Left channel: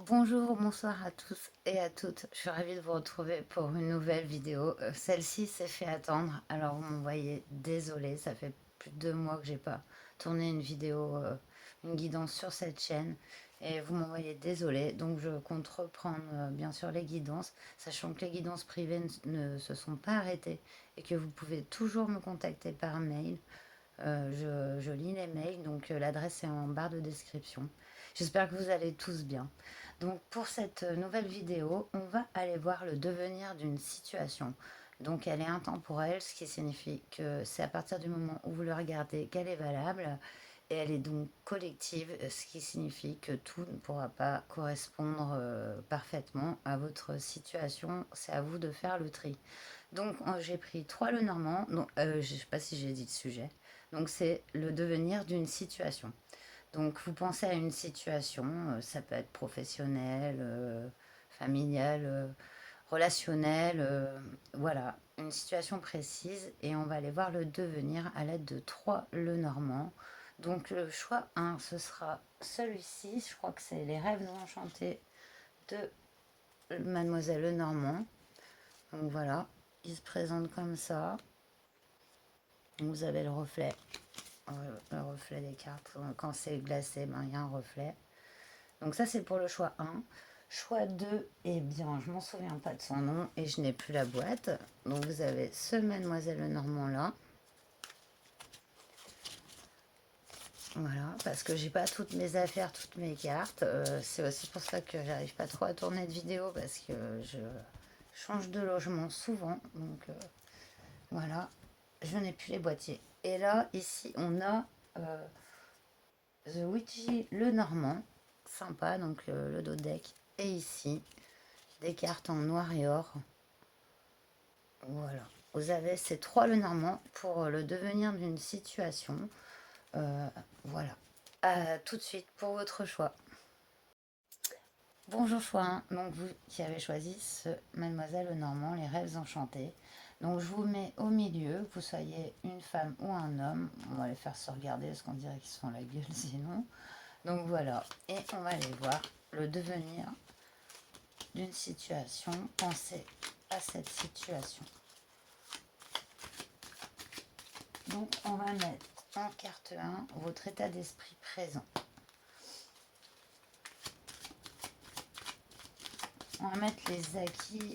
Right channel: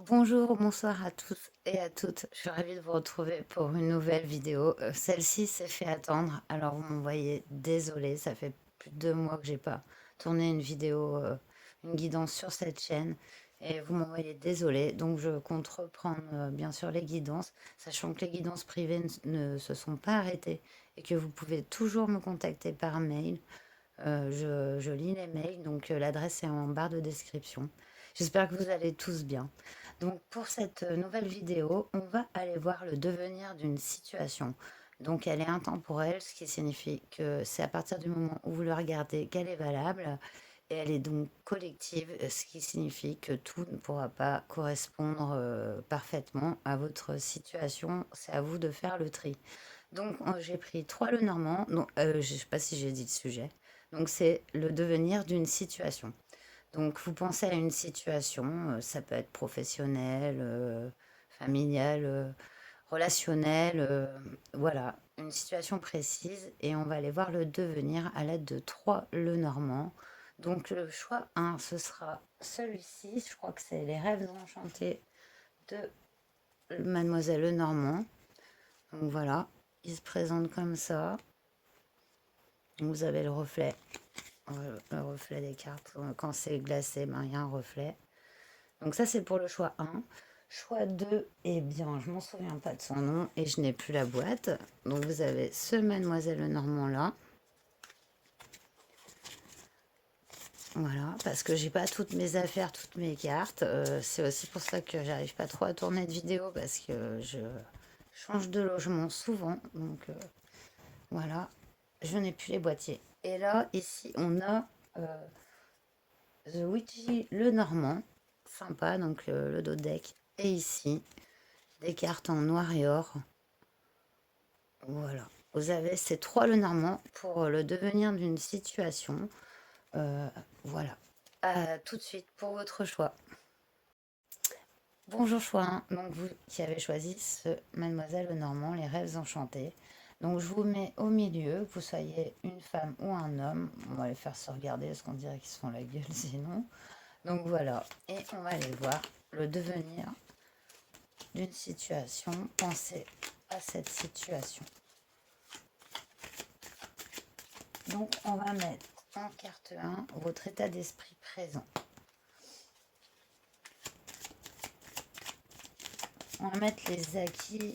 Bonjour, bonsoir à tous et à toutes. Je suis ravie de vous retrouver pour une nouvelle vidéo. Celle-ci s'est fait attendre, alors vous m'envoyez désolé, ça fait plus de 2 mois que j'ai pas tourné une vidéo, une guidance sur cette chaîne et vous m'envoyez désolé. Donc je compte reprendre bien sûr les guidances, sachant que les guidances privées ne se sont pas arrêtées et que vous pouvez toujours me contacter par mail. Je lis les mails, donc l'adresse est en barre de description. J'espère que vous allez tous bien. Donc pour cette nouvelle vidéo, on va aller voir le devenir d'une situation. Donc elle est intemporelle, ce qui signifie que c'est à partir du moment où vous le regardez qu'elle est valable. Et elle est donc collective, ce qui signifie que tout ne pourra pas correspondre parfaitement à votre situation. C'est à vous de faire le tri. Donc j'ai pris 3 Lenormand. Non, je ne sais pas si j'ai dit le sujet. Donc c'est le devenir d'une situation. Donc vous pensez à une situation, ça peut être professionnelle, familiale, relationnelle, voilà, une situation précise et on va aller voir le devenir à l'aide de 3 Lenormand. Donc le choix 1, ce sera celui-ci, je crois que c'est les rêves enchantés de Mademoiselle Lenormand. Donc voilà, il se présente comme ça. Vous avez le reflet des cartes. Quand c'est glacé, ben, il y a un reflet. Donc ça, c'est pour le choix 1. Choix 2, eh bien, je m'en souviens pas de son nom et je n'ai plus la boîte. Donc vous avez ce Mademoiselle Lenormand là. Voilà, parce que j'ai pas toutes mes affaires, toutes mes cartes. C'est aussi pour ça que j'arrive pas trop à tourner de vidéo parce que je change de logement souvent. Donc voilà, je n'ai plus les boîtiers. Et là, ici, on a The Witchy Lenormand. Sympa, donc le dos deck. Et ici, des cartes en noir et or. Voilà. Vous avez ces 3 Lenormand pour le devenir d'une situation. Euh, voilà. À tout de suite pour votre choix. Bonjour choix 1, donc vous qui avez choisi ce Mademoiselle Lenormand, les rêves enchantés. Donc je vous mets au milieu, que vous soyez une femme ou un homme. On va les faire se regarder parce qu'on dirait qu'ils se font la gueule sinon. Donc voilà, et on va aller voir le devenir d'une situation. Pensez à cette situation. Donc on va mettre en carte 1 votre état d'esprit présent. On va mettre les acquis,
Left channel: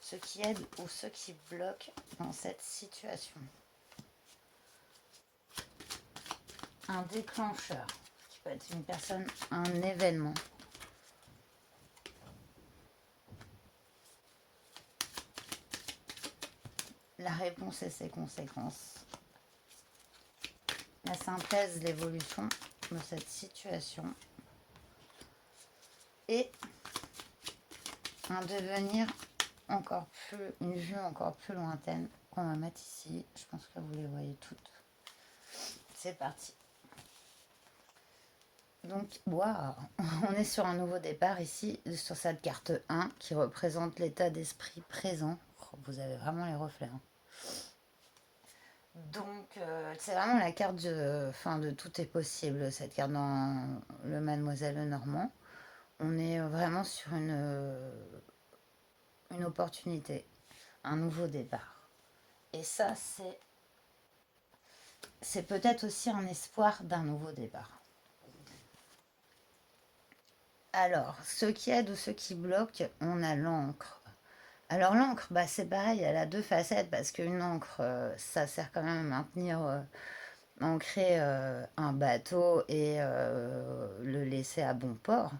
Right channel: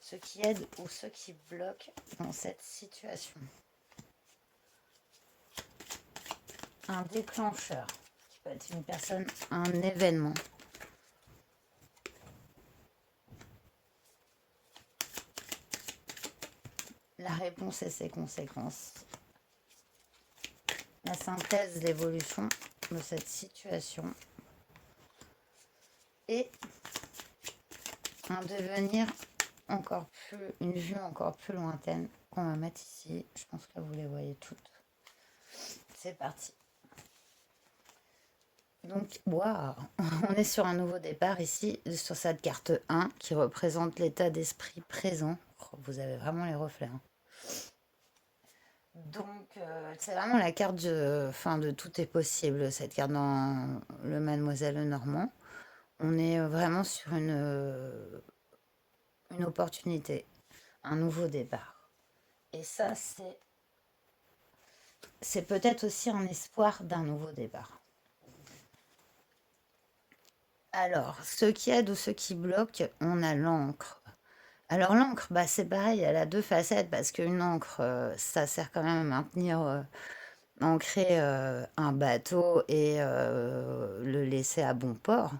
ceux qui aident ou ceux qui bloquent dans cette situation. Un déclencheur, qui peut être une personne, un événement. La réponse et ses conséquences. La synthèse, l'évolution de cette situation. Et un devenir encore plus, une vue encore plus lointaine qu'on va mettre ici. Je pense que vous les voyez toutes. C'est parti. Donc, wow, on est sur un nouveau départ ici, sur cette carte 1 qui représente l'état d'esprit présent. Oh, vous avez vraiment les reflets. Hein. Donc, c'est vraiment la carte de tout est possible, cette carte dans le Mademoiselle Lenormand. On est vraiment sur une opportunité, un nouveau départ. Et ça, c'est peut-être aussi un espoir d'un nouveau départ. Alors, ceux qui aident ou ceux qui bloquent, on a l'encre. Alors l'encre, bah, c'est pareil, elle a deux facettes parce qu'une encre, ça sert quand même à maintenir, ancrer un bateau et le laisser à bon port.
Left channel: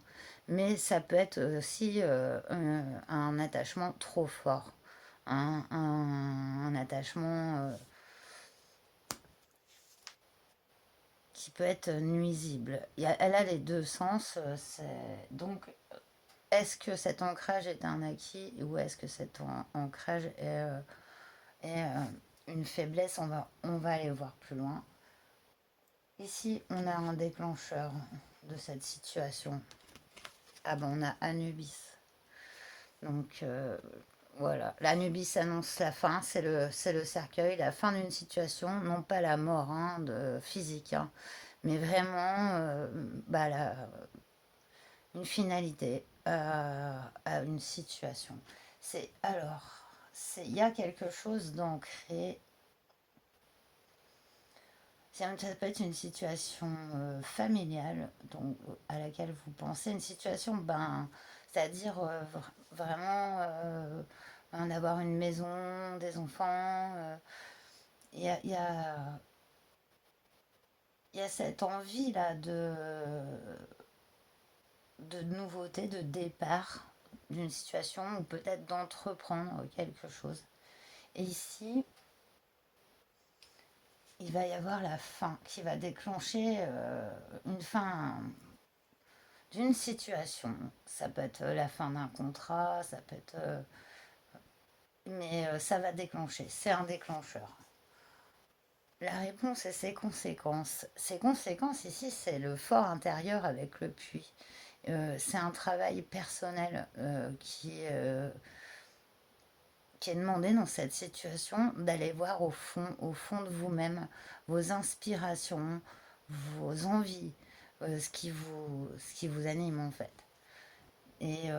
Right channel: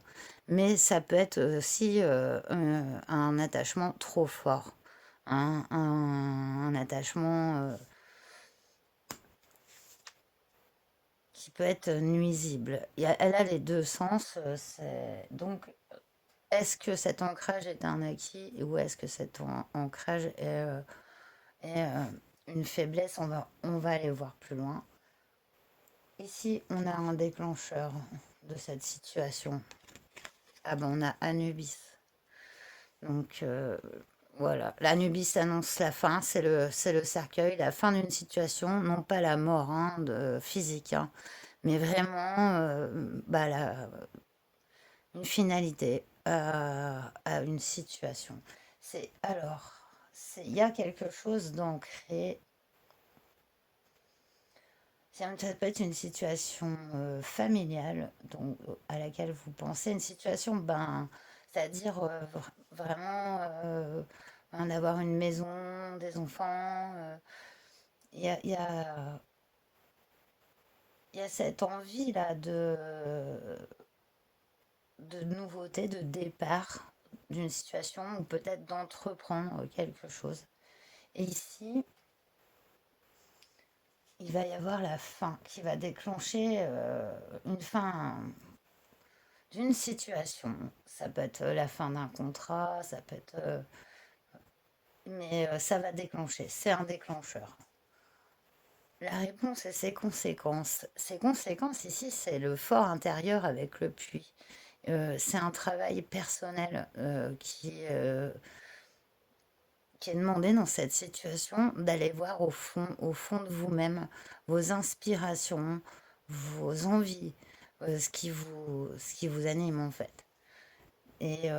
Mais ça peut être aussi un attachement trop fort, un attachement qui peut être nuisible. Elle a les deux sens. Donc, est-ce que cet ancrage est un acquis ou est-ce que cet ancrage est une faiblesse? On va aller voir plus loin. Ici, on a un déclencheur de cette situation. Ah ben, on a Anubis. Donc, voilà. L'Anubis annonce la fin, c'est le cercueil, la fin d'une situation, non pas la mort physique, hein, mais vraiment bah, une finalité à une situation. C'est alors, il y a quelque chose d'ancré. Ça peut être une situation familiale donc, à laquelle vous pensez, une situation, ben, c'est-à-dire vraiment d'avoir une maison, des enfants. Il y a, y a cette envie-là de nouveauté, de départ d'une situation ou peut-être d'entreprendre quelque chose. Et ici, il va y avoir la fin qui va déclencher une fin d'une situation. Ça peut être la fin d'un contrat, ça peut être... mais ça va déclencher, c'est un déclencheur. La réponse et ses conséquences. Ses conséquences ici, c'est le fort intérieur avec le puits. C'est un travail personnel qui est demandé dans cette situation, d'aller voir au fond de vous-même, vos inspirations, vos envies, ce qui vous anime en fait. Et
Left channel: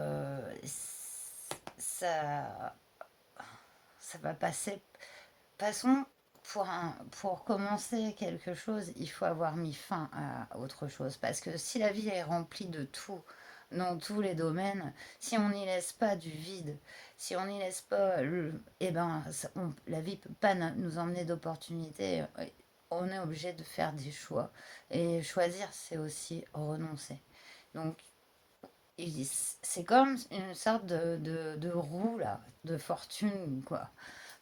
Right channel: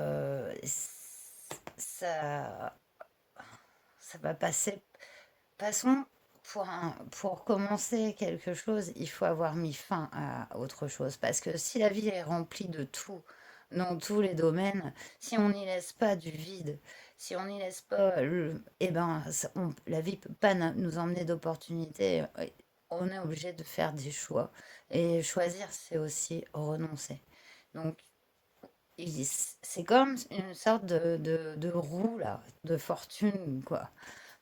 ça, ça va passer. Passons, pour commencer quelque chose, il faut avoir mis fin à autre chose. Parce que si la vie est remplie de tout, dans tous les domaines, si on n'y laisse pas du vide, si on n'y laisse pas, eh ben, la vie ne peut pas nous emmener d'opportunités. On est obligé de faire des choix. Et choisir, c'est aussi renoncer. Donc, c'est comme une sorte de roue, là, de fortune, quoi.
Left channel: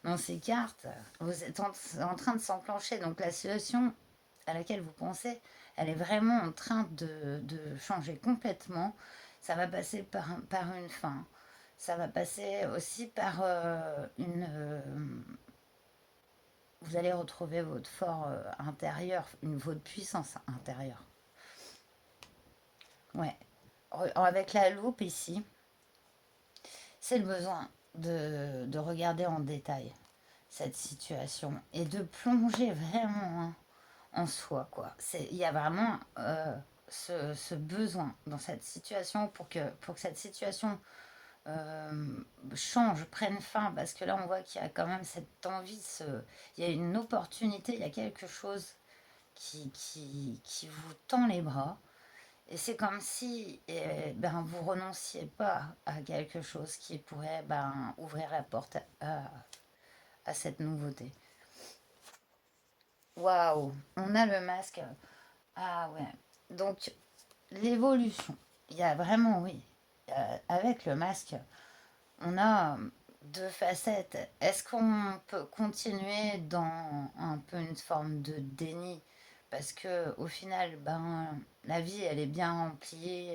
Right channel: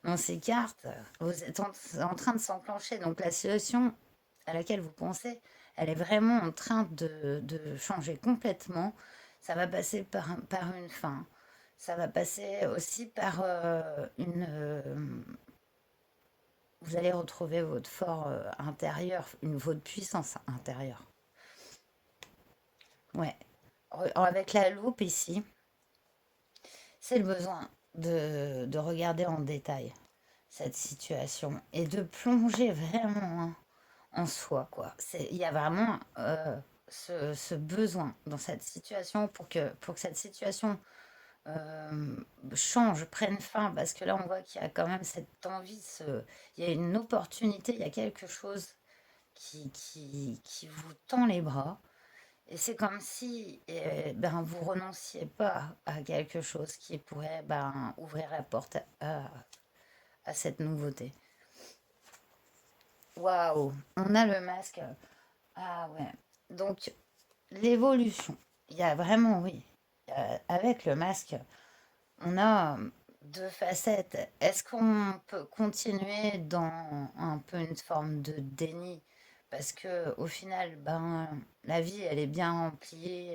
Dans ces cartes, vous êtes en train de s'enclencher. Donc la situation à laquelle vous pensez, elle est vraiment en train de changer complètement. Ça va passer par une fin. Ça va passer aussi par vous allez retrouver votre fort intérieur, votre puissance intérieure. Ouais. Avec la loupe ici, c'est le besoin de regarder en détail cette situation et de plonger vraiment en soi, quoi. Il y a vraiment ce besoin dans cette situation pour que cette situation change, prenne fin, parce que là, on voit qu'il y a quand même cette envie, il y a une opportunité, il y a quelque chose qui vous tend les bras. Et c'est comme si ben, vous renonciez pas à quelque chose qui pourrait ben, ouvrir la porte à cette nouveauté. Waouh, on a le masque. Ah ouais. Donc, l'évolution. Il y a vraiment, oui. Avec le masque, on a deux facettes. Est-ce qu'on peut continuer dans un peu une forme de déni? Parce que au final, ben, la vie, elle est bien remplie.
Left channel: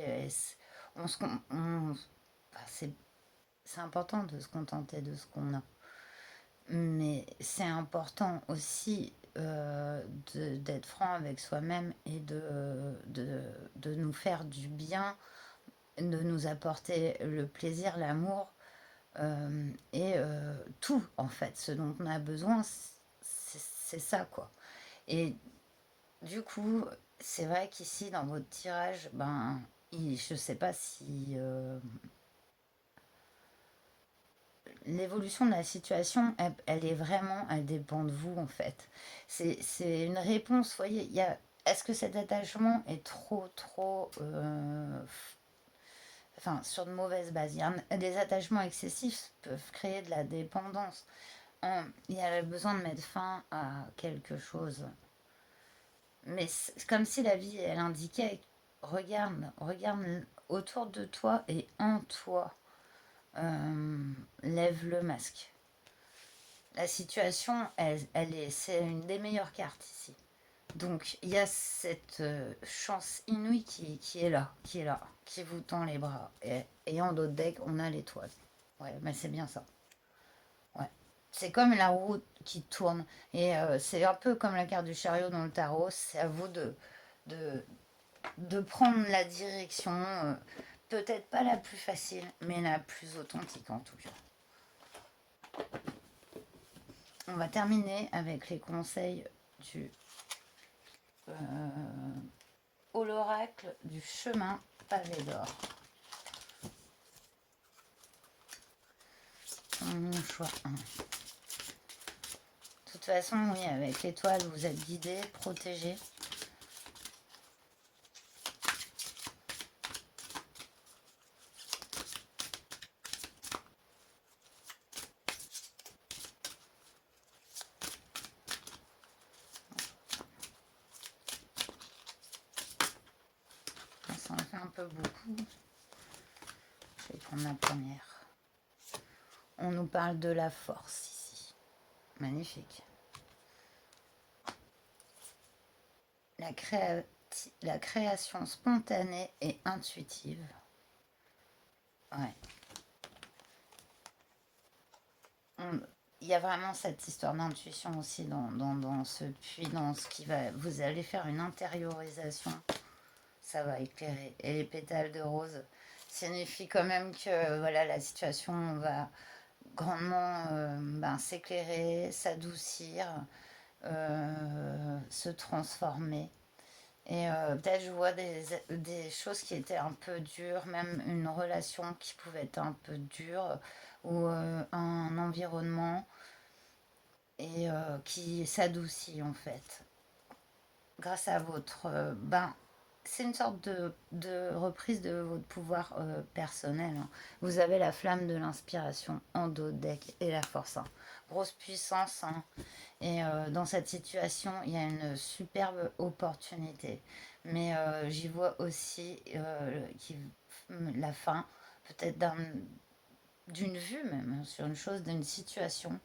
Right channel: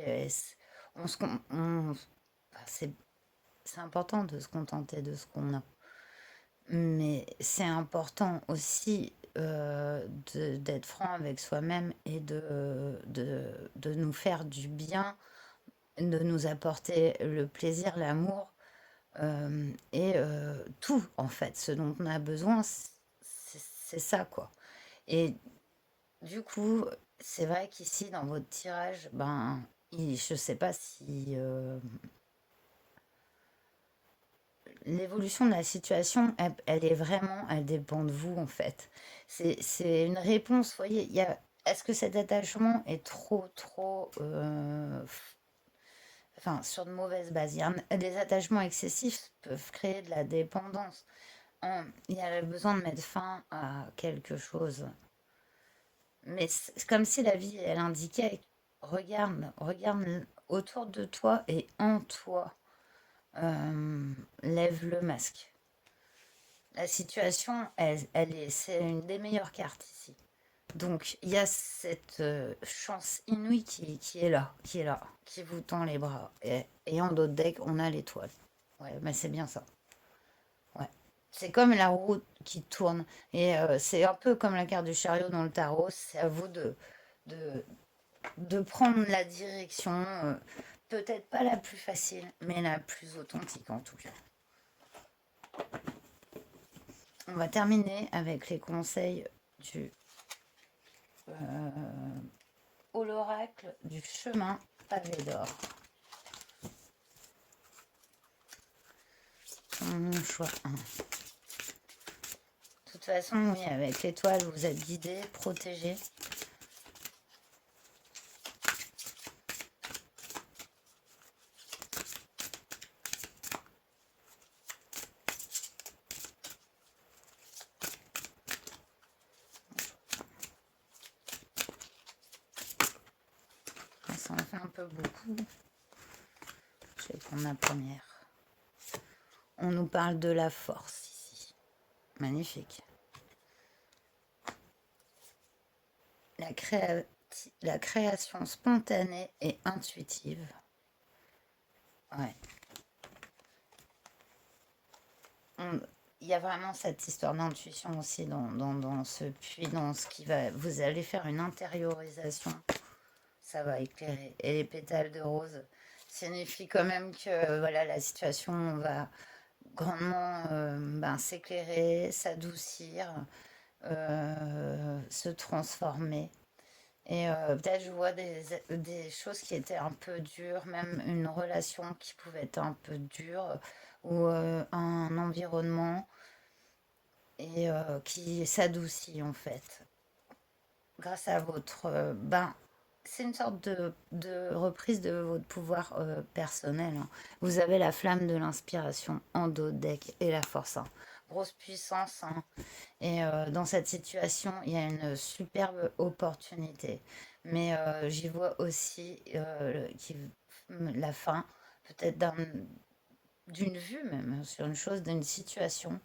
On se, enfin, c'est important de se contenter de ce qu'on a. Mais c'est important aussi d'être franc avec soi-même et de nous faire du bien, de nous apporter le plaisir, l'amour et tout en fait. Ce dont on a besoin, c'est ça quoi. Et du coup, c'est vrai qu'ici dans votre tirage, ben, je sais pas si l'évolution de la situation, elle est vraiment, elle dépend de vous en fait. C'est une réponse, vous voyez, est-ce que cet attachement est trop, enfin, sur de mauvaises bases? Des attachements excessifs peuvent créer de la dépendance. Il y a le besoin de mettre fin à quelque chose. Mais c'est comme si la vie, elle indiquait, regarde autour de toi et en toi. Lève le masque. La situation, c'est une des meilleures cartes ici. Donc il y a cette chance inouïe qui est là, qui vous tend les bras. Et en d'autres decks, on a l'étoile. Ouais, mais c'est bien ça. Ouais. C'est comme la roue qui tourne. Et c'est un peu comme la carte du chariot dans le tarot. C'est à vous de, de prendre la direction, peut-être pas la plus facile, mais la plus authentique en tout cas. On va terminer avec les conseils du l'oracle du chemin pavé d'or. mon choix. De toute façon, oui, avec l'étoile, vous êtes guidé, protégé. Ça en fait un peu beaucoup. Je vais prendre la première. On nous parle de la force ici. Magnifique. La création spontanée et intuitive. Ouais. Il y a vraiment cette histoire d'intuition aussi dans ce puits, dans ce qui va... Vous allez faire une intériorisation. Ça va éclairer. Et les pétales de rose signifient quand même que voilà, la situation va grandement s'éclairer, s'adoucir, se transformer. Et peut-être je vois des choses qui étaient un peu dures, même une relation qui pouvait être un peu dure, ou un environnement, et qui s'adoucit en fait, grâce à votre... c'est une sorte de reprise de votre pouvoir personnel, hein. Vous avez la flamme de l'inspiration en dos de deck et la force, hein. Grosse puissance, hein. Et dans cette situation, il y a une superbe opportunité. Mais j'y vois aussi la fin, peut-être d'une vue même, sur une chose, d'une situation.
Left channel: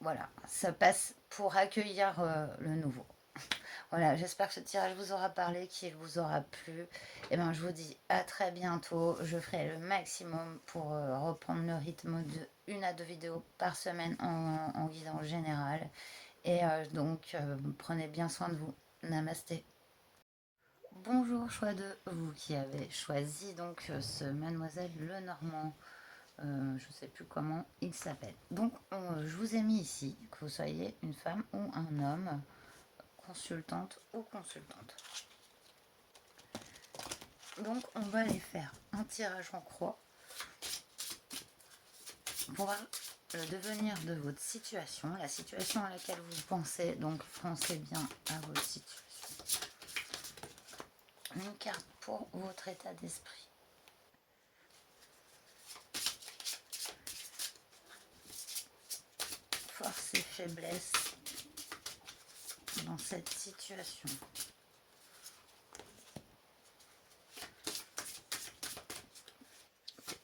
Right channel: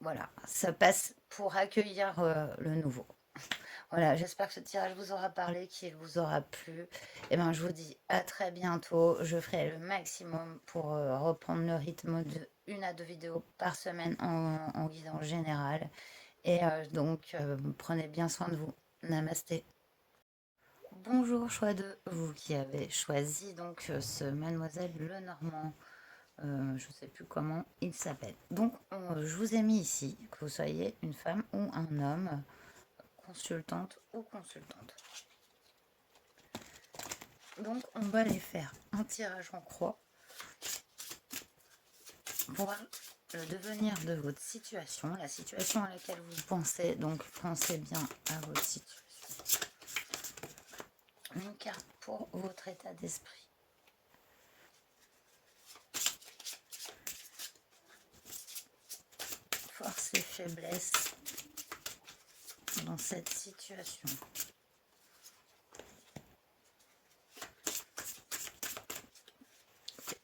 Voilà, ça passe pour accueillir le nouveau. Voilà, j'espère que ce tirage vous aura parlé, qu'il vous aura plu. Et ben, je vous dis à très bientôt. Je ferai le maximum pour reprendre le rythme de 1 à 2 vidéos par semaine en guidance générale. Et donc, prenez bien soin de vous. Namasté. Bonjour, choix de vous qui avez choisi donc ce Mademoiselle Lenormand. Je ne sais plus comment il s'appelle. Donc, je vous ai mis ici, que vous soyez une femme ou un homme, consultante ou consultante. Donc, on va aller faire un tirage en croix pour voir le devenir de votre situation, la situation à laquelle vous pensez. Donc, pensez bien à votre situation. Une carte pour votre état d'esprit. Force et faiblesse dans cette situation.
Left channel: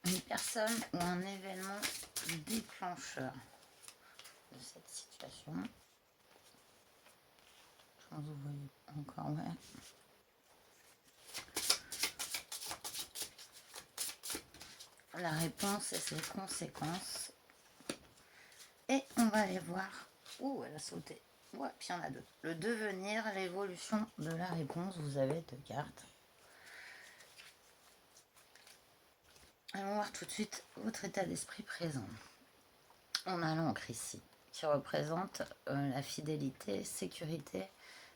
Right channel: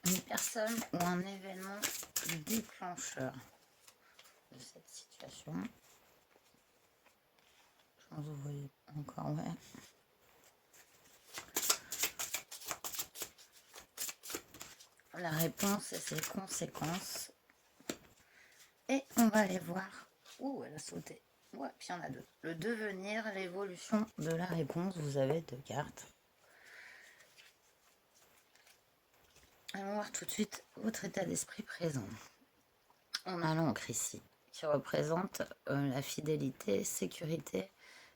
Une personne ou un événement déclencheur de cette situation. Je pense que vous voyez encore, ouais. La réponse et ses conséquences. Et on va aller voir. Ouh, elle a sauté. Ouais, puis il y en a deux. Le devenir, l'évolution de la réponse. Vous avez 2 cartes. On va voir tout de suite votre état d'esprit présent. On a l'encre ici, qui représente la fidélité, sécurité,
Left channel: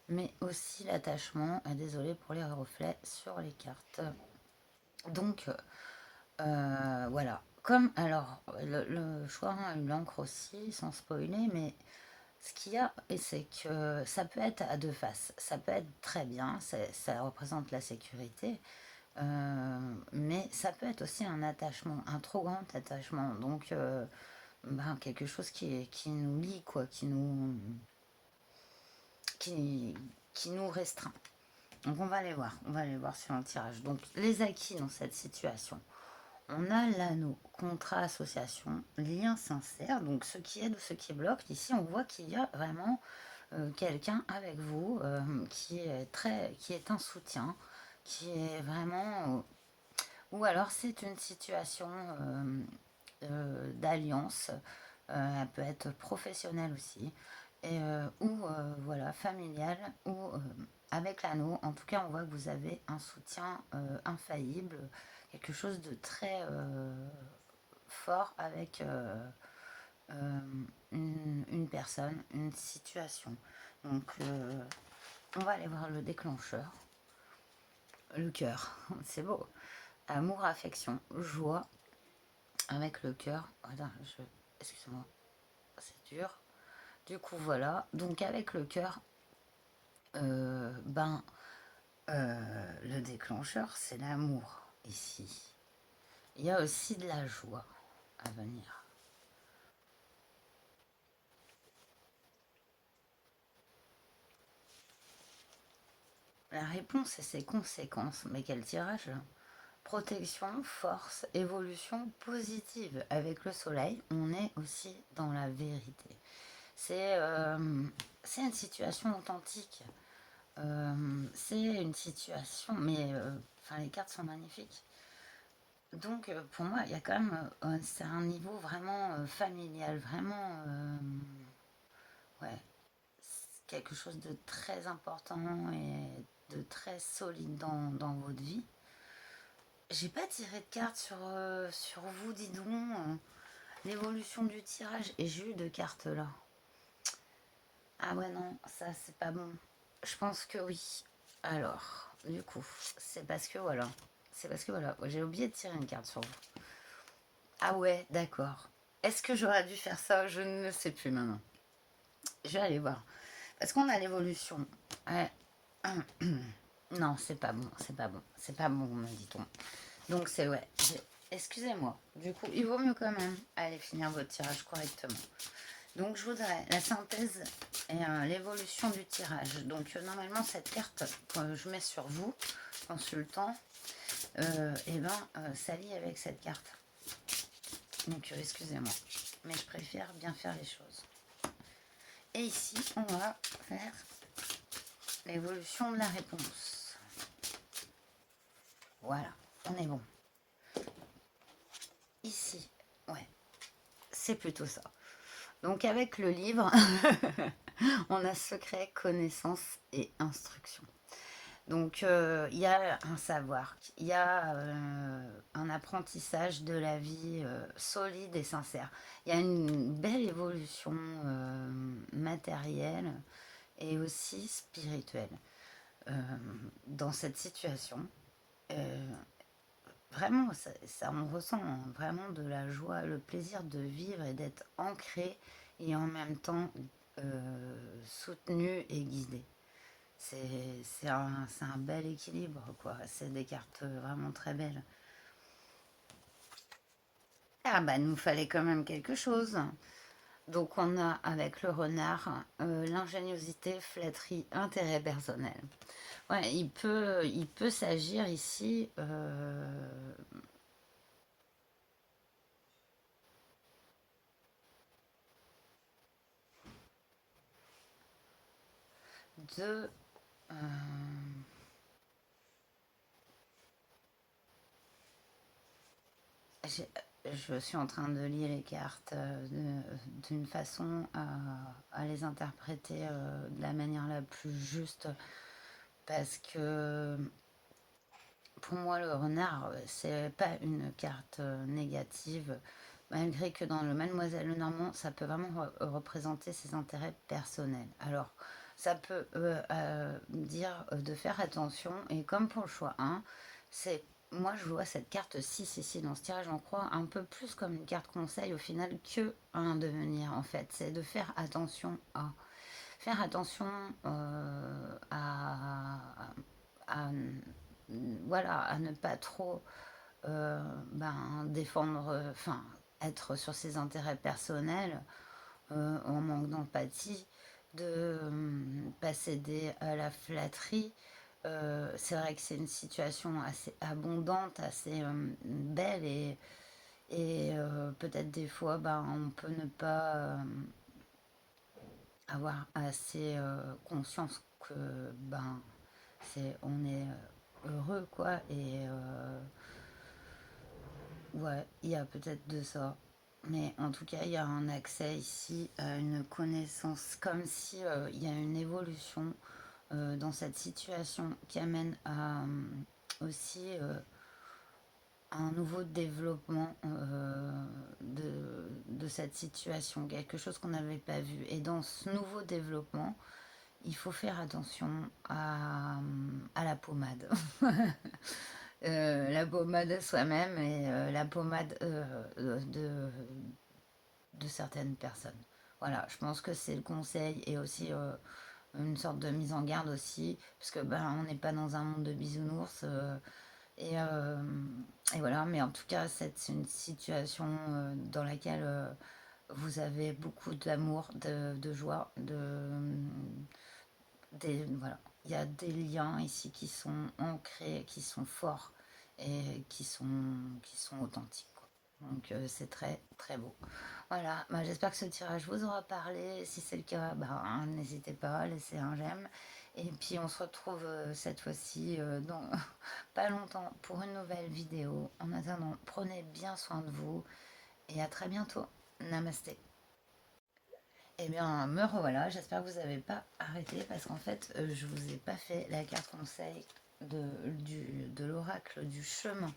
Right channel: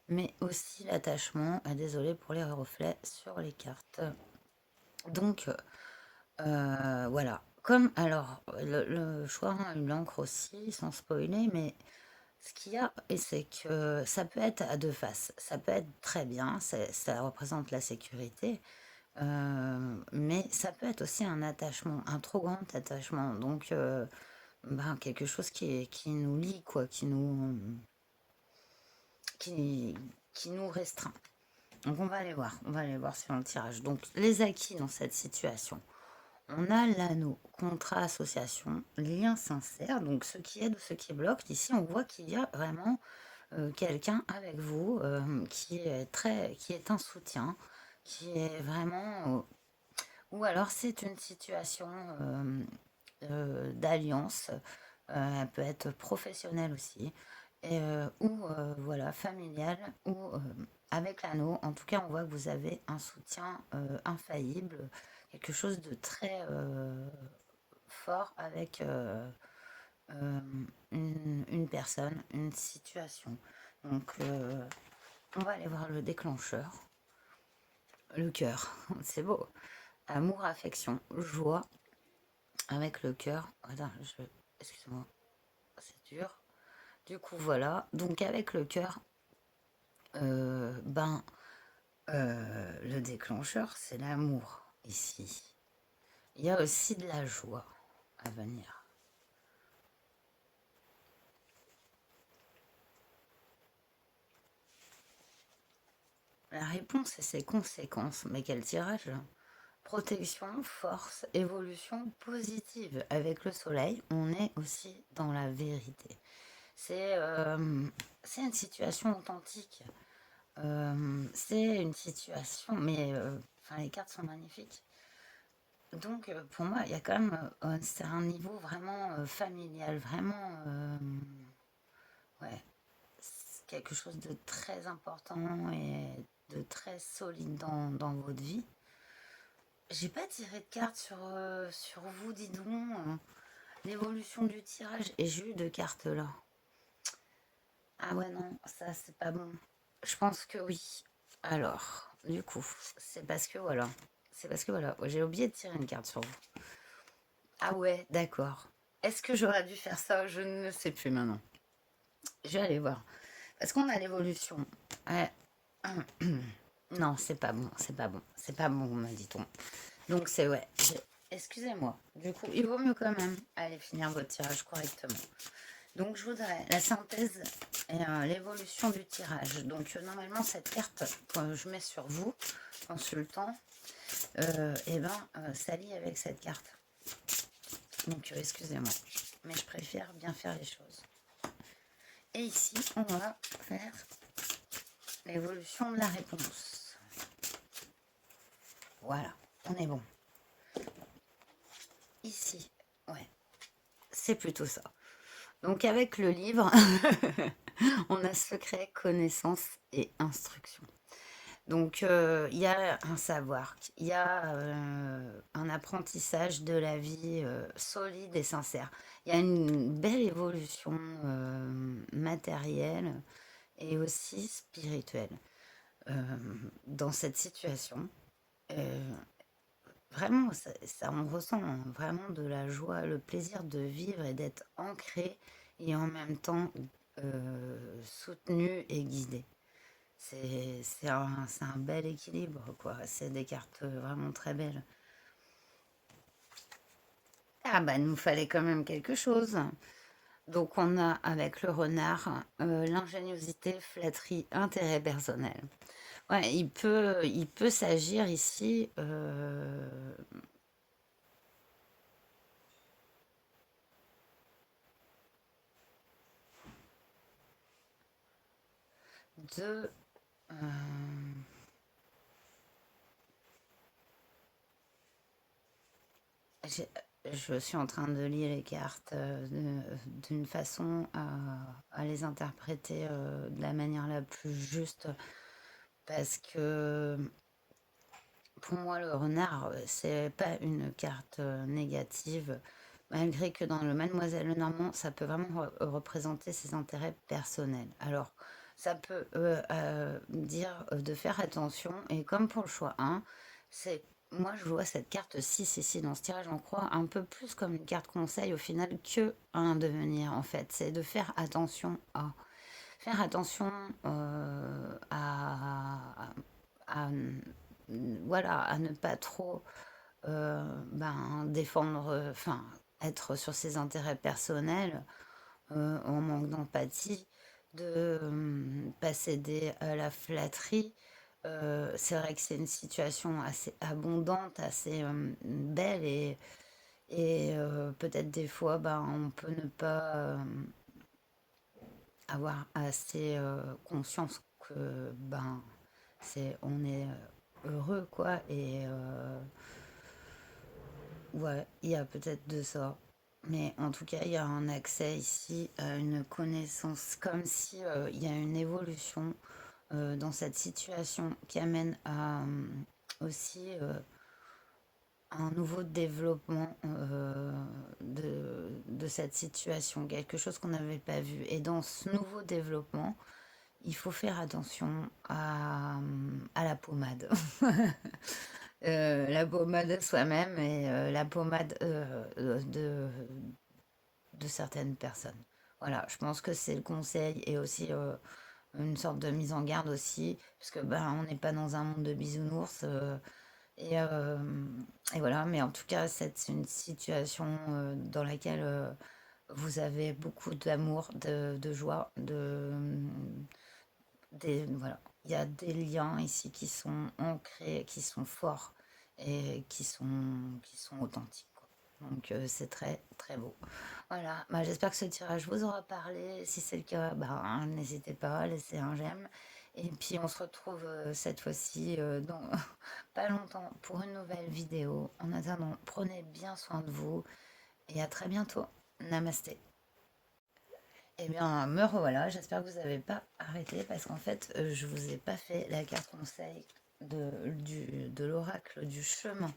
mais aussi l'attachement. Désolée pour les reflets sur les cartes. Donc, voilà. Comme, alors, le choix a eu l'encre aussi, sans spoiler, mais ce qu'il y a, c'est que ça peut être à 2 faces. Ça peut être très bien, ça représente la sécurité, mais ça peut être aussi un attachement, un trop grand attachement. Donc, quelque chose qui nous lie, quoi, qui, qui nous restreint. Donc, on va aller voir sur un tirage. Donc, les acquis dans cette situation. On a l'anneau, contrat, association, lien sincère, donc ce qui aide ou ce qui bloque. Ici, on voit qu'il y a vraiment quelqu'un avec vous qui est un soutien, qui est vraiment... ou alors c'est une situation d'alliance, elle peut être professionnelle aussi, et, ou voilà, familiale, ou avec l'anneau. En tout cas, on voit que vous avez un soutien infaillible, quelque chose de très fort avec une personne, une situation. Donc, on va aller voir le déclencheur. Le cœur, c'est beau. Amour, affection, joie, avec le cœur. Attends, excuse-moi, c'est dur. Du coup, voilà. Donc, avec le cœur, ben, le déclencheur, c'est l'amour ici. Il y a aussi de la joie à venir. La réponse et ses conséquences. Mais quel tirage! Protection, force, évolution positive. Avec le soleil, on est aussi dans la vérité. C'est une situation authentique. C'est une situation, mais enfin, les cartes sont magnifiques. Donc, pour moi, il y a quand même, c'est un niveau vraiment familial, vraiment, ouais, c'est quelque chose de très important et de très solide dans votre vie. J'ai pas tiré de cartes sur vous, dis donc, l'évolution du tirage, et j'ai eu de cartes là. Ah ouais, non, ça c'est pas bon. Je pense que oui. Alors, du coup, c'est parce que voilà. C'est parce que voilà, j'ai oublié de tirer une carte sur vous. Ah ouais, d'accord. Est-ce que j'aurais dû faire ça? Je ne sais plus maintenant. Je vais aller voir. Parce qu'on a l'évolution. Ouais. Non, c'est pas bon, c'est pas bon. C'est pas bon, me dit-on. Donc c'est ouais. Excusez-moi. Du coup, il vaut mieux quand même aller finir votre tirage correctement. Donc je voudrais la synthèse et l'évolution du tirage. Donc normalement cette carte que je mets sur vous, consultant, et ben s'allie avec cette carte. Donc excusez-moi, mais je préfère bien faire les choses. Et ici on va faire l'évolution de la réponse. Voilà, on est bon. Ici, ouais, c'est plutôt ça. Donc avec le livre, on a secret, connaissance et instruction. Donc il y a un savoir, il y a un apprentissage de la vie solide et sincère. Il y a une belle évolution matérielle et aussi spirituelle dans cette situation. Euh, Vraiment, ça, on ressent vraiment de la joie, le plaisir de vivre et d'être ancré et en même temps soutenu et guidé. C'est un bel équilibre, quoi. C'est des cartes vraiment très belles. Ah bah, nous fallait quand même quelque chose. Donc on a avec le renard l'ingéniosité, flatterie, intérêt personnel. Ouais, il peut s'agir ici de... euh, j'ai- je suis en train de lire les cartes d'une façon à les interpréter de la manière la plus juste parce que pour moi, le renard, c'est pas une carte négative, malgré que dans le Mademoiselle Lenormand, ça peut vraiment représenter ses intérêts personnels. Alors, ça peut dire de faire attention, et comme pour le choix 1, c'est moi je vois cette carte 6 ici dans ce tirage en croix un peu plus comme une carte conseil au final que un devenir en fait. C'est de faire attention à, voilà, à ne pas trop défendre, enfin, être sur ses intérêts personnels, en manque d'empathie, de pas céder à la flatterie. C'est vrai que c'est une situation assez abondante, assez belle et peut-être des fois, on peut ne pas avoir assez conscience que on est heureux quoi et ouais, il y a peut-être de ça. Mais en tout cas, il y a un accès ici à une connaissance, comme si il y a une évolution dans cette situation qui amène à aussi un nouveau développement de cette situation, quelque chose qu'on n'avait pas vu. Et dans ce nouveau développement, il faut faire attention à la pommade. la pommade à soi-même et la pommade de certaines personnes. Voilà, je pense que c'est le conseil et aussi une sorte de mise en garde aussi, parce que ben on n'est pas dans un monde de bisounours et, euh, et voilà. Mais en tout cas, c'est une situation dans laquelle vous avez beaucoup d'amour, de joie, voilà. Il y a des liens ici qui sont ancrés, qui sont forts et qui sont authentiques, quoi. Donc c'est très très beau. Voilà, bah, j'espère que ce tirage vous aura parlé. Si c'est le cas, bah, hein, n'hésitez pas à laisser un j'aime. Et puis on se retrouve cette fois-ci dans pas longtemps pour une nouvelle vidéo. En attendant, prenez bien soin de vous et à très bientôt. Namasté. Eh bien, me revoilà. J'espère que vous n'avez pas arrêté parce qu'en fait, je vous ai pas fait la carte conseil de l'oracle du chemin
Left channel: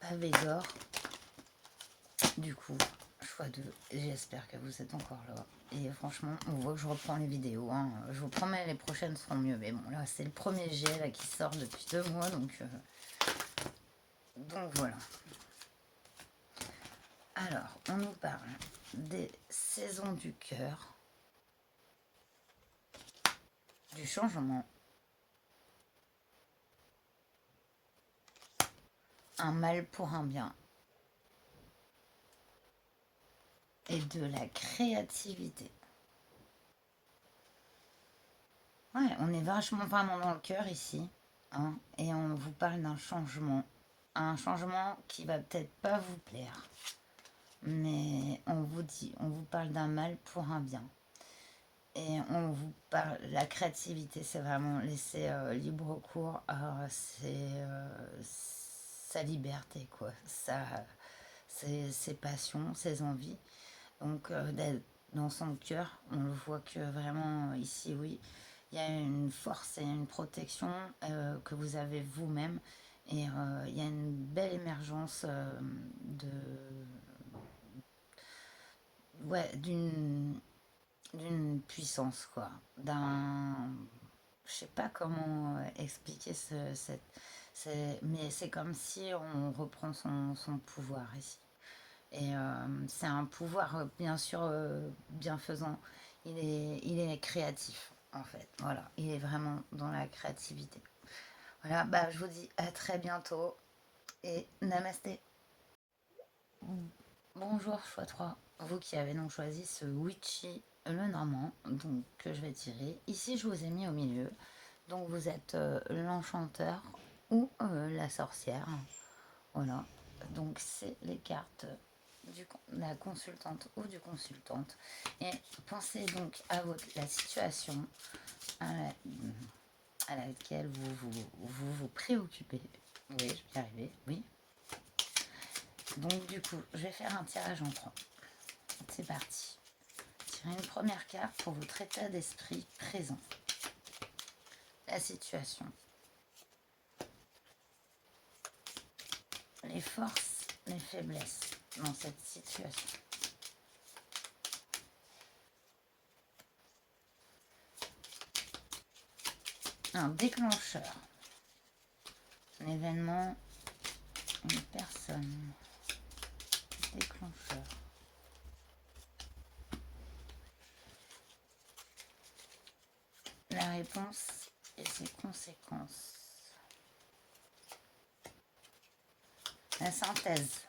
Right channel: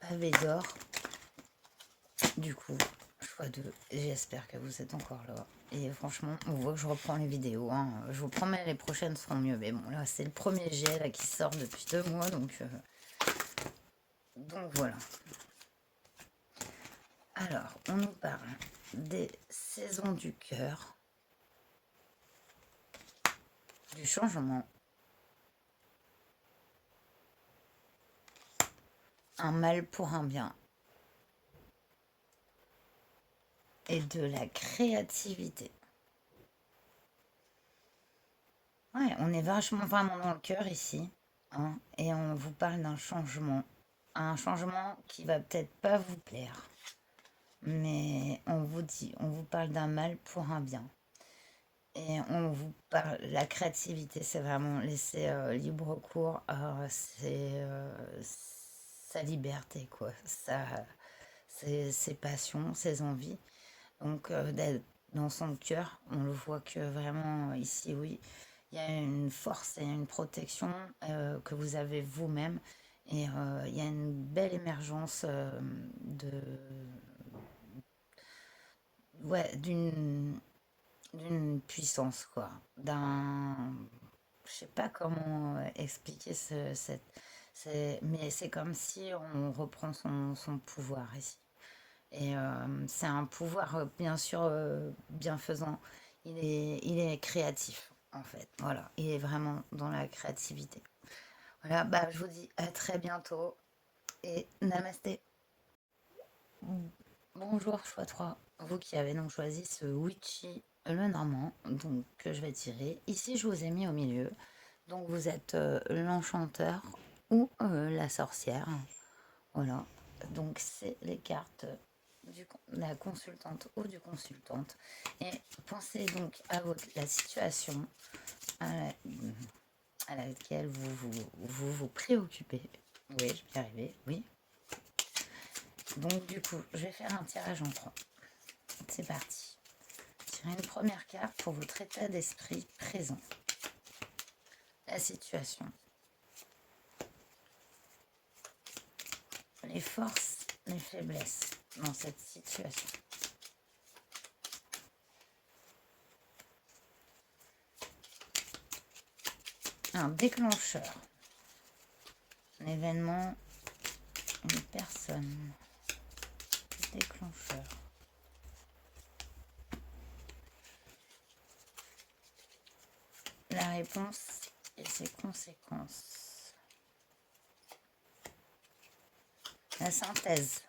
pavé d'or. Du coup, choix 2. J'espère que vous êtes encore là. Et franchement, on voit que je reprends les vidéos, hein. Je vous promets, les prochaines seront mieux. Mais bon, là, c'est le premier jet là, qui sort depuis 2 mois. Donc voilà. Alors, on nous parle des saisons du cœur, du changement, un mal pour un bien et de la créativité. Ouais, on est vachement vraiment dans le cœur ici, hein, et on vous parle d'un changement. Un changement qui va peut-être pas vous plaire, mais on vous parle d'un mal pour un bien. Et on vous parle, la créativité, c'est vraiment laisser libre cours à sa liberté, quoi. Ses passions, ses envies. Donc, d'être dans son cœur, on le voit que vraiment ici, oui, il y a une force et une protection que vous avez vous-même. Et il y a une belle émergence ouais, d'une puissance, quoi. Je sais pas comment expliquer mais c'est comme si on reprend son pouvoir ici. Et c'est un pouvoir, bien sûr, bienfaisant. Il est créatif, en fait. Voilà, il est vraiment dans la créativité. Voilà, bah, je vous dis à très bientôt et namasté. Bonjour, choix 3. Vous qui avez donc choisi ce Witchy le Normand, donc que je vais tirer. Ici, je vous ai mis au milieu. Donc, vous êtes l'enchanteur ou la sorcière. Voilà. Donc, c'est les cartes de la consultante ou du consultante. Et pensez donc à la situation à, la- à laquelle vous préoccupez. Oui, je vais y arriver, oui. Donc, du coup, je vais faire un tirage en 3. C'est parti. Tirez une première carte pour votre état d'esprit présent. La situation. Les forces, les faiblesses dans cette situation. Un déclencheur. Un événement, une personne. Déclencheur. La réponse et ses conséquences. La synthèse.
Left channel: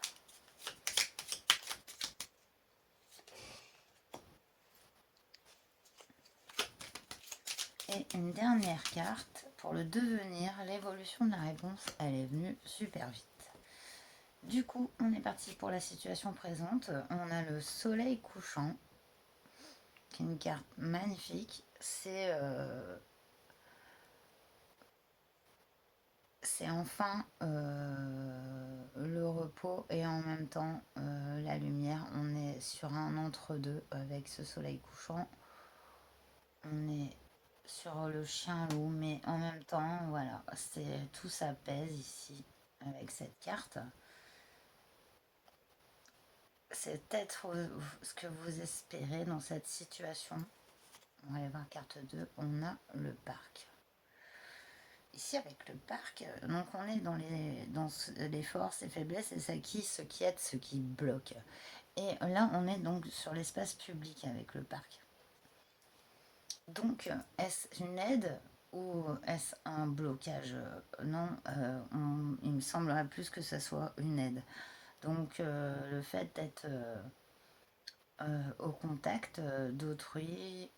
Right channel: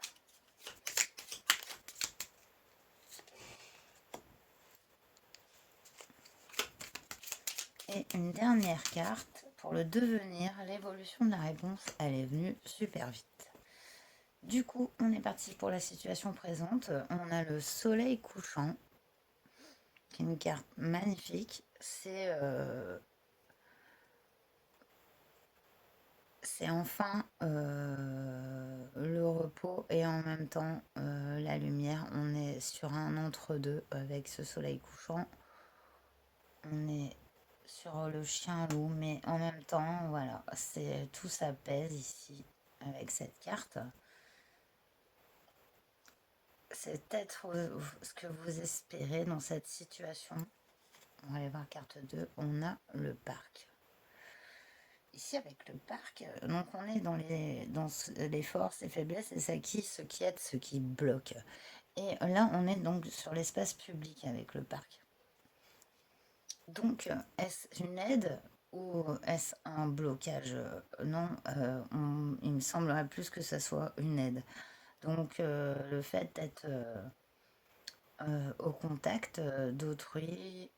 Et une dernière carte pour le devenir. L'évolution de la réponse, elle est venue super vite. Du coup, on est parti pour la situation présente. On a le soleil couchant, qui est une carte magnifique. C'est enfin le repos et en même temps la lumière. On est sur un entre-deux avec ce soleil couchant. On est sur le chien-loup, mais en même temps, voilà, tout s'apaise ici avec cette carte. C'est peut-être ce que vous espérez dans cette situation. On va aller voir carte 2. On a le parc. ici avec le parc, donc on est les forces et faiblesses et ce qui aide, ce qui bloque. Et là, on est donc sur l'espace public avec le parc. Donc, est-ce une aide ou est-ce un blocage? Non, il me semblerait plus que ça soit une aide. Donc, le fait d'être au contact d'autrui,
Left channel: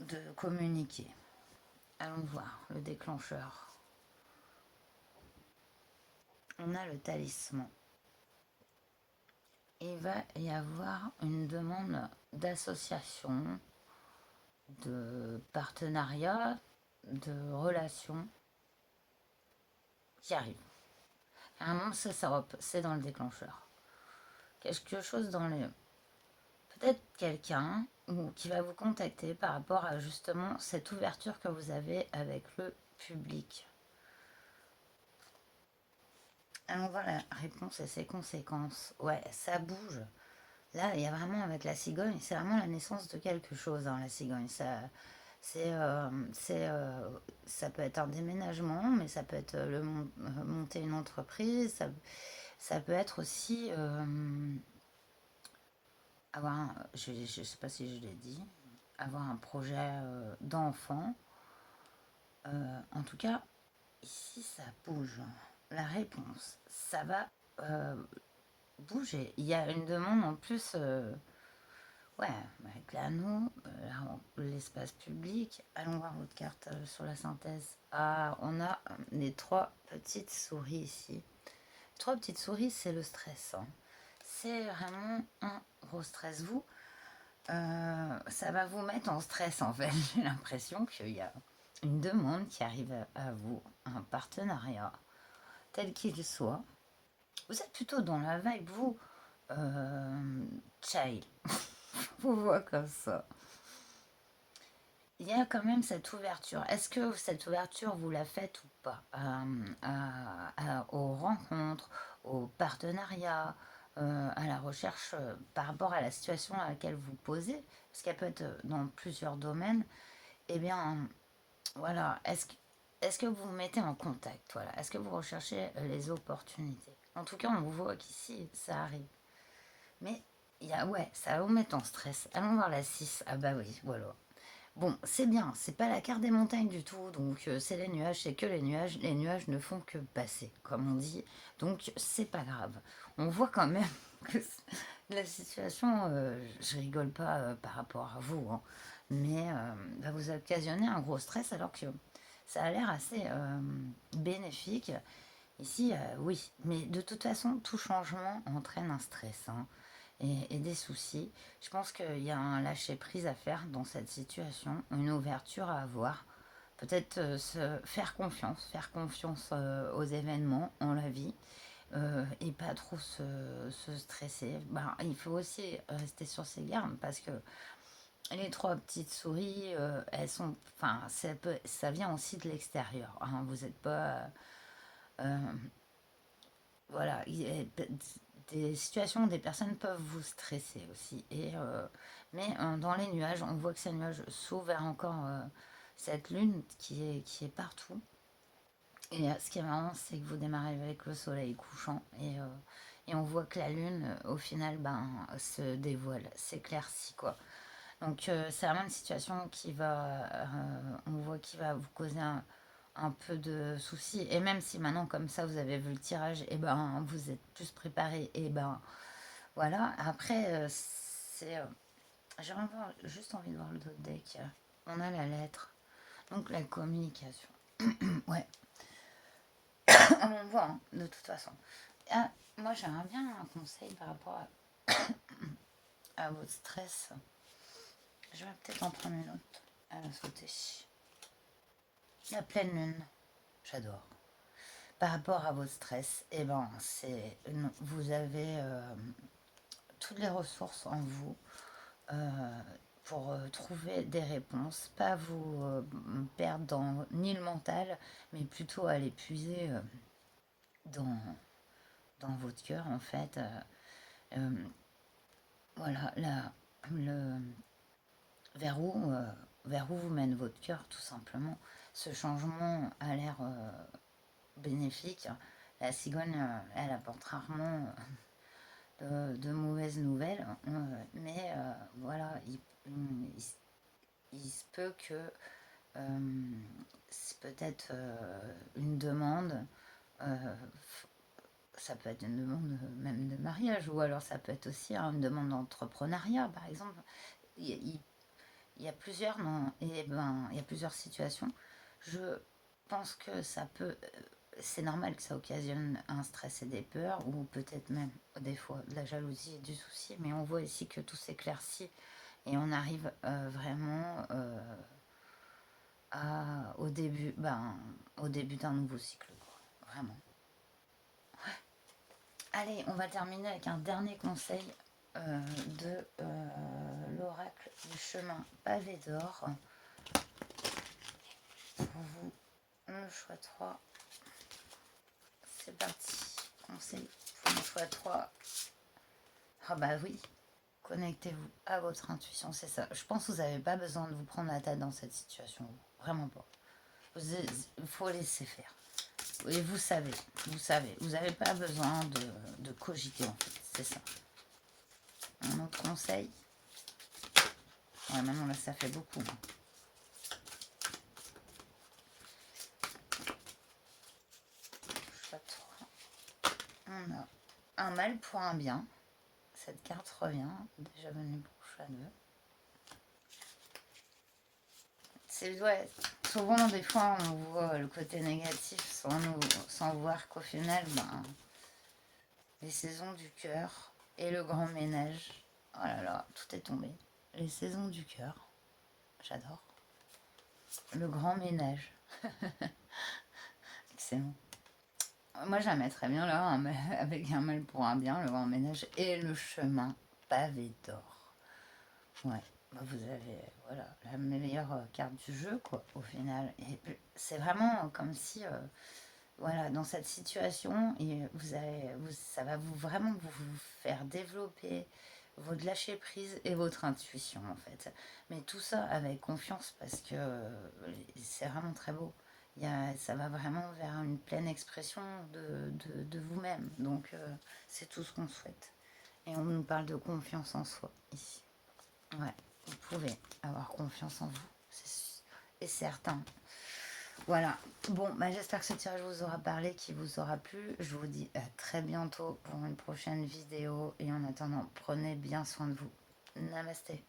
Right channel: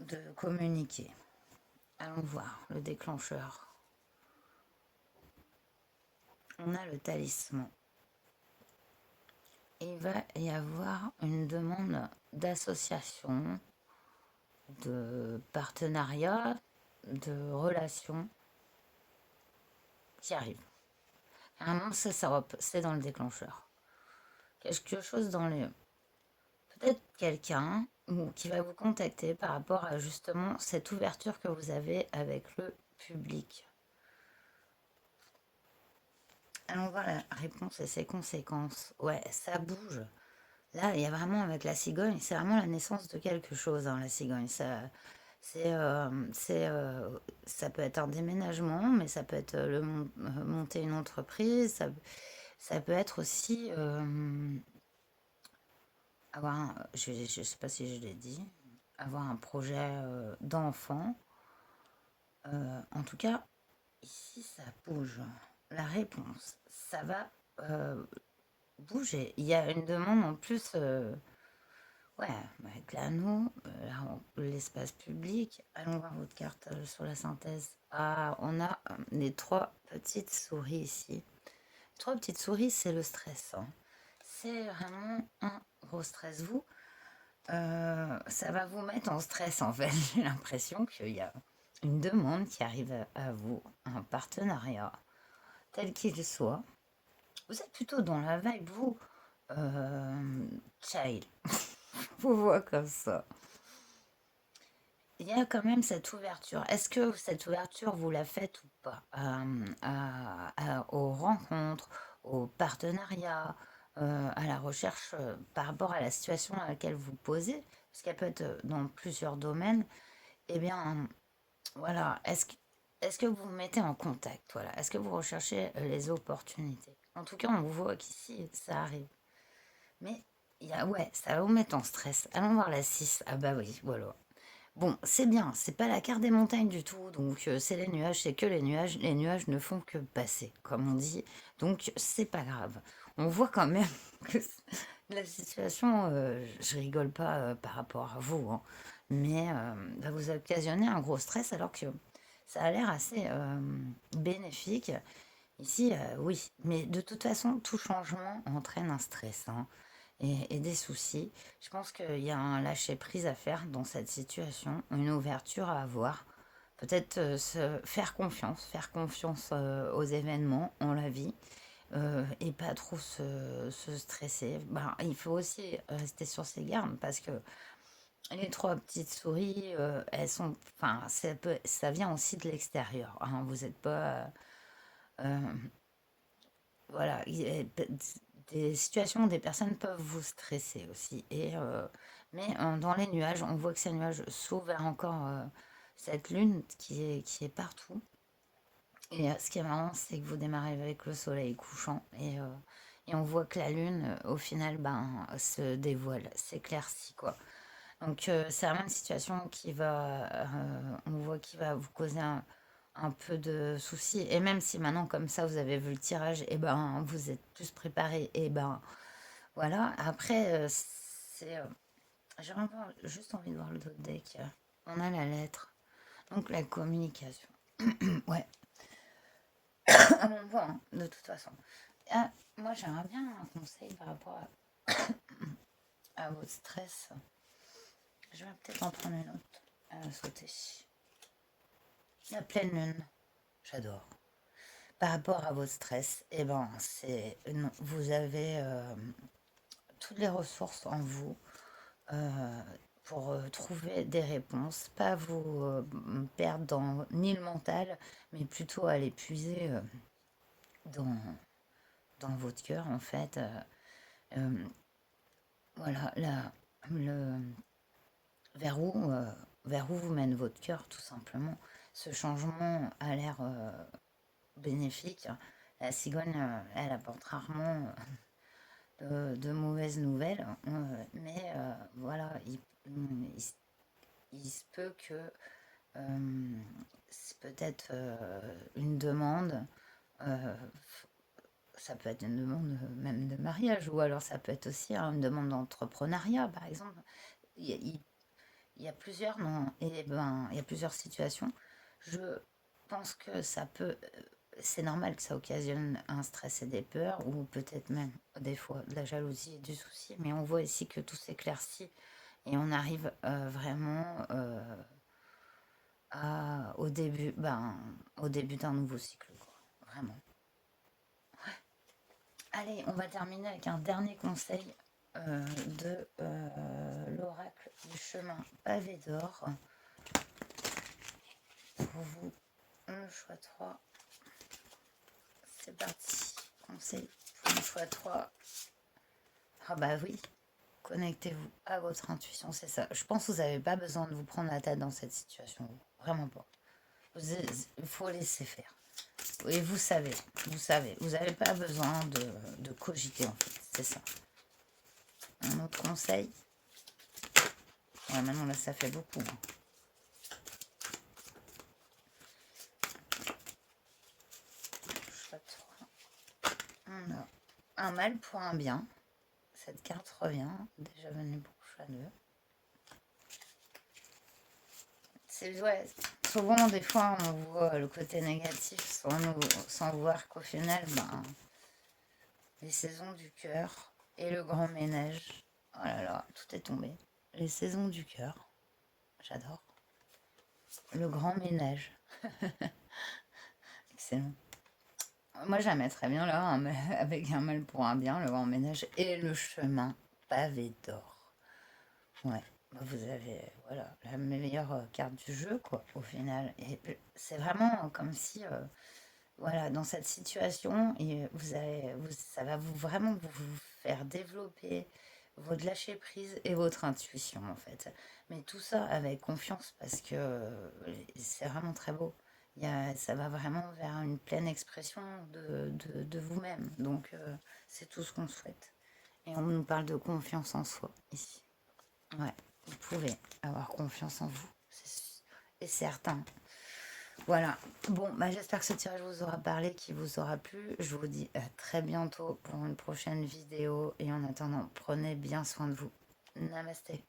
de communiquer. Allons voir le déclencheur. On a le talisman. Il va y avoir une demande d'association, de partenariat, de relation qui arrive. Vraiment, c'est dans le déclencheur. Quelque chose dans le... Peut-être quelqu'un qui va vous contacter par rapport à justement cette ouverture que vous avez avec le public. Allons voir la réponse et ses conséquences. Ouais, ça bouge. Là, il y a vraiment avec la cigogne, c'est vraiment la naissance de quelque chose, hein, la cigogne. Ça peut être un déménagement, mais ça peut être monter une entreprise. Ça peut être aussi je ne sais pas si je l'ai dit, avoir un projet d'enfant. En tout cas, ici, ça bouge. La réponse, ça va bouger. Il y a une demande en plus, ouais, avec l'anneau, l'espace public. Allons voir votre carte sur la synthèse. Ah, on a les trois petites souris ici. Trois petites souris, c'est le stress, hein. C'est vraiment un gros stress. Ça va vous mettre en stress en fait. J'ai l'impression qu'il y a une demande qui arrive à vous, un partenariat, tel qu'il soit. Vous êtes plutôt dans la vibe, vous, child. Vous voyez comme ça. Il y a quand même cette ouverture. Est-ce que cette ouverture, vous la faites ou pas aux rencontres, aux partenariats, à la recherche par rapport à la situation à laquelle vous posez, parce qu'elle peut être dans plusieurs domaines, eh bien, voilà, est-ce que vous vous mettez en contact, voilà, est-ce que vous recherchez les opportunités? En tout cas, on voit qu'ici, ça arrive. Mais, ouais, ça va vous mettre en stress. Allons voir la 6. Ah bah oui, voilà. Bon, c'est bien, c'est pas la carte des montagnes du tout, donc c'est les nuages, c'est que les nuages ne font que passer, comme on dit, donc c'est pas grave. On voit quand même que la situation, je rigole pas par rapport à vous, hein, mais va vous occasionner un gros stress alors que ça a l'air assez bénéfique. Ici, oui, mais de toute façon, tout changement entraîne un stress, hein, et des soucis. Je pense qu'il y a un lâcher-prise à faire dans cette situation, une ouverture à avoir. Peut-être faire confiance aux événements, on la vit, et pas trop se stresser. Ben, il faut aussi rester sur ses gardes parce que les trois petites souris, elles sont, enfin, ça vient aussi de l'extérieur, hein. Vous n'êtes pas, euh, voilà, des situations où des personnes peuvent vous stresser aussi. Mais dans les nuages, on voit que ces nuages s'ouvrent vers encore cette lune qui est partout. Et ce qui est marrant, c'est que vous démarrez avec le soleil couchant et on voit que la lune, au final, ben, se dévoile, s'éclaircit, quoi. Donc c'est vraiment une situation on voit qui va vous causer un peu de soucis. Et même si maintenant, comme ça, vous avez vu le tirage, et ben, vous êtes plus préparé, et ben, voilà. Après, j'ai juste envie de voir le d'autres deck. On a la lettre, donc la communication. Ouais, on voit, hein, de toute façon. Moi, j'aimerais bien un conseil par rapport à votre stress. Je vais peut-être en prendre une autre à sauter. La pleine lune, j'adore. Par rapport à votre stress, eh ben, non, vous avez toutes les ressources en vous euh, pour trouver des réponses, pas vous perdre ni le mental, mais plutôt aller puiser dans, dans votre cœur, en fait. Euh, voilà, le, vers où vers où vous mène votre cœur, tout simplement. Ce changement a l'air bénéfique. La cigogne, elle apporte rarement de mauvaises nouvelles, mais voilà, il se peut que c'est peut-être une demande, euh, ça peut être une demande même de mariage, ou alors ça peut être aussi une demande d'entrepreneuriat, par exemple. Il, il y a plusieurs, non, et ben, il y a plusieurs situations. Je pense que ça peut, c'est normal que ça occasionne un stress et des peurs, ou peut-être même des fois de la jalousie et du souci, mais on voit ici que tout s'éclaircit et on arrive vraiment au début d'un nouveau cycle, quoi. Vraiment. Allez, on va terminer avec un dernier conseil de l'oracle du chemin pavé d'or. Pour vous, le choix 3. C'est parti. Conseil pour le choix 3. Ah bah oui, connectez-vous à votre intuition, c'est ça. Je pense que vous n'avez pas besoin de vous prendre la tête dans cette situation. Vraiment pas. Il faut laisser faire. Et vous savez. Vous n'avez pas besoin de cogiter en fait, c'est ça. Un autre conseil. Ouais, maintenant là, ça fait beaucoup. Choix 3. On a un mal pour un bien. Cette carte revient. Déjà venue pour choix 2. C'est ouais, souvent des fois on voit le côté négatif sans voir qu'au final, ben, les saisons du cœur et le grand ménage. Oh là là, tout est tombé. Les saisons du cœur, j'adore. Le grand ménage, excellent. Moi j'aimais très bien là, avec un mal pour un bien, le grand ménage et le chemin pavé d'or. Ouais, bah, vous avez voilà la meilleure carte du jeu quoi au final. Et c'est vraiment comme si voilà, dans cette situation, et ça va vraiment vous faire développer votre lâcher prise et votre intuition en fait. Mais tout ça avec confiance parce que c'est vraiment très beau. Ça va vraiment vers une pleine expression de vous-même. Donc c'est tout ce qu'on souhaite. Et on nous parle de confiance en soi ici. Ouais, vous pouvez avoir confiance en vous, et certain. Voilà. Bon, bah, j'espère que ce tirage vous aura parlé, qu'il vous aura plu. Je vous dis à très bientôt pour une prochaine vidéo. Et en attendant, prenez bien soin de vous. Namasté.